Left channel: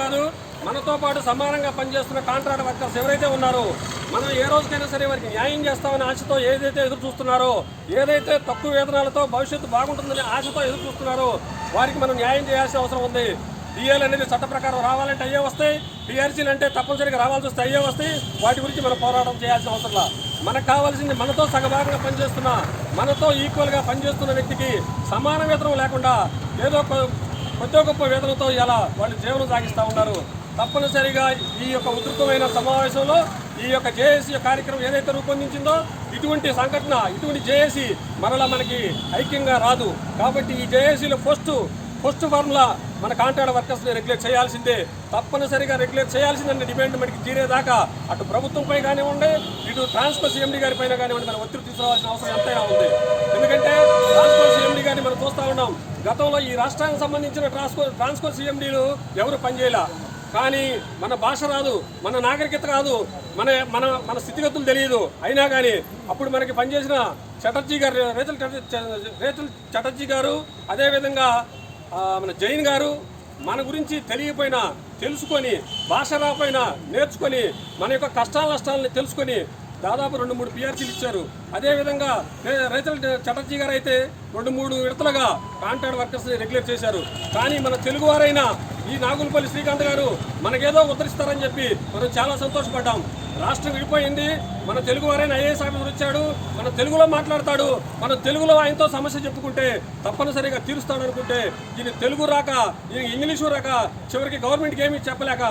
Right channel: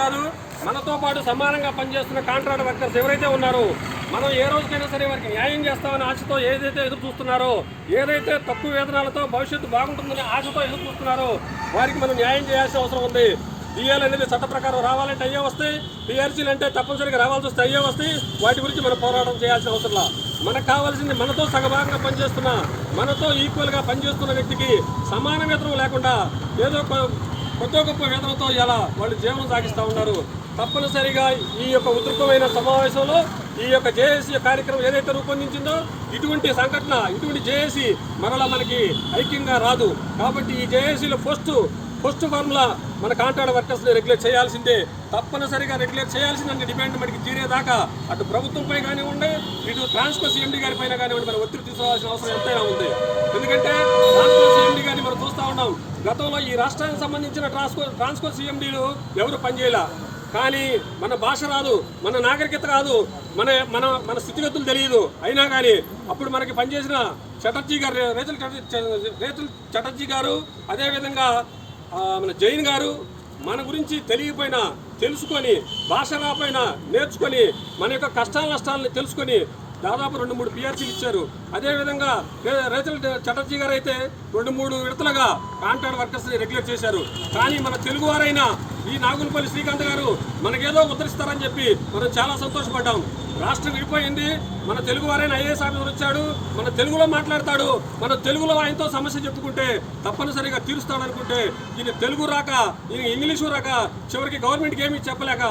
కాదు, మనతో పాటు సమానంగా పనిచేస్తున్న కాంట్రాక్ట్ వర్కర్స్ ఎవరైతే ఉన్నారో మనం ఏ రోజుకైనా సరే వారికి న్యాయం చేస్తామని ఆశతో ఏదైతే ఎదురు చూస్తున్నారో, ఏదైతే తక్కువ వేతనాలతో భవిష్యత్తు బాగుంటుందని ఆశతో ఎదురు చూస్తున్నారో వారికి మనం న్యాయం చేయాల్సిన అవసరం ఉంది. డిఎల్ అనేది చట్ట ప్రకారం రావాలంటే అయ్యే వస్తాయి, టీఆర్సీలు అంటే తప్పనిసరిగా రావాల్సి వస్తే అయ్యే వస్తాయి. వాటి గురించి మనం పోరాటం చేయాల్సిన అవసరం. మనకు కావాల్సింది మనతో సగభాగంగా పనిచేస్తున్న, మనతో ఈక్వల్గా పనిచేస్తున్న వ్యక్తికి సమాన వేతనం లేకుండా ఏదో కొద్ది గొప్ప వేతనంతో ఇలా వాళ్ళు జీవనం సాగిస్తూ ఉన్నారు. తప్పనిసరిగా ఈ యొక్క ఉధృతమైన సమావేశంలో ఈ యొక్క జేఏసీ కార్యక్రమం ఏదైతే రూపొందించిందో ఇటువంటి సంఘటన, ఇటువంటి జేఏసీ మరలా మనకి ఐక్యంగా రాదు. కాబట్టి ఈ జేఏసీలో ఫస్ట్ ఫార్ములా మన కాంట్రాక్ట్ వర్కర్స్ని రెగ్యులేట్ చేయాల్సిందే. తప్పనిసరిగా రెగ్యులేట్ చేయాల్సిందని డిమాండ్ మనకి తీరేదాకా అటు ప్రభుత్వంపై కానివ్వండి, ఇటు ట్రాన్స్కో సీఎండీ గారి పైన కానివ్వండి మనం ఒత్తిడి తీసుకోవాల్సిన అవసరం ఎంతైనా ఉంది. ఎందుకంటే ట్రాన్స్కో సీఎండీ గారిని మనం చూస్తూ ఉన్నాం. గతంలో ఈ రాష్ట్రానికి సంబంధించిన ట్రాన్స్కో సీఎండీలు ఎవరు పనిచేయాల, కానీ మన భాష రాదు, మన నాగరికత కాదు, మన మన మన స్థితిగతులు తెలియదు. అయినా కానీ అప్పుడు మనకి పనిచేసిన చటర్జీ గారు, రేతుల్ చటర్జీ గారు, అదేవిధంగా మన జైన్ గారు మన గురించి తెలియపోయినా తెలుసుకొని, భాష రాపోయినా నేర్చుకొని, మన యొక్క కష్టాల నష్టాలని తెలుసుకొని దాదాపు 2-3 పిఆర్సీలు ఇచ్చారు. అదేవిధంగా రైతుల చటర్జీ గారు అయితే 2-3 విడతలుగా కాంట్రాక్ట్ వర్కర్స్ని రెగ్యులేట్ చేశారు. కానీ మన తెలుగువారైనా ఈ నాగులపల్లి శ్రీకాంత్ గారు మనకేదో ఉద్ధరిస్తారని చెప్పి మనం చాలా సంతోషపడ్డాం. రాష్ట్రం విడిపోయింది, మన తెలుగువారైన ఐఏఎస్ ఆఫీసర్ వచ్చాడు, మన తెలుగులో మాట్లాడతాడు, మన తెలుగులో ఆయనతో సమస్య చెప్పుకుంటే తప్పనిసరిగా తీరుస్తాడనుకుంటే ఇది తెలుగు రాక, ఇది ఇంగ్లీషు రాక, చివరికి గవర్నమెంట్కి ఏమీ చెప్పలేక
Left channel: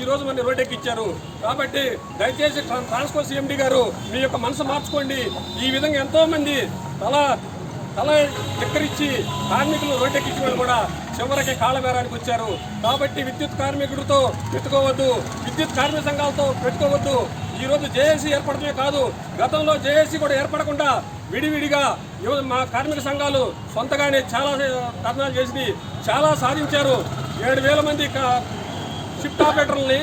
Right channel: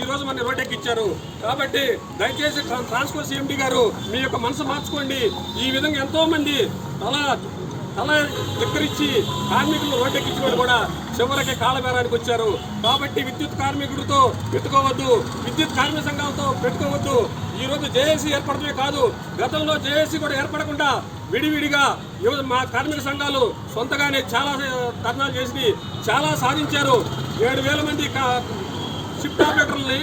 ఈరోజు మన రోడ్డెక్కిచ్చారు. కాబట్టి దయచేసి ట్రాన్స్కో సీఎండీ గారు మీ యొక్క మనసు మార్చుకోండి. ఈ విధంగా ఎంతోమంది తల ఎక్కరిచ్చి కార్మికులు రోడ్డెక్కించిన వాళ్ళు కూడా చివరికి కాలబేరానికి వచ్చారు. కాబట్టి విద్యుత్ కార్మికుడితో పెట్టుకోవద్దు, విద్యుత్ కార్మిక సంఘాలతో పెట్టుకోవద్దు. ఈరోజు జేఏసీ ఏర్పడమే కాదు, గతంలో జేఏసీ కూడా ఏర్పడకుండా విడివిడిగా మా కార్మిక సంఘాలు సొంతగానే చాలా ధర్నాలు చేసి చాలా సాధించారు. 7,000 మంది షిఫ్ట్ ఆపరేటర్లని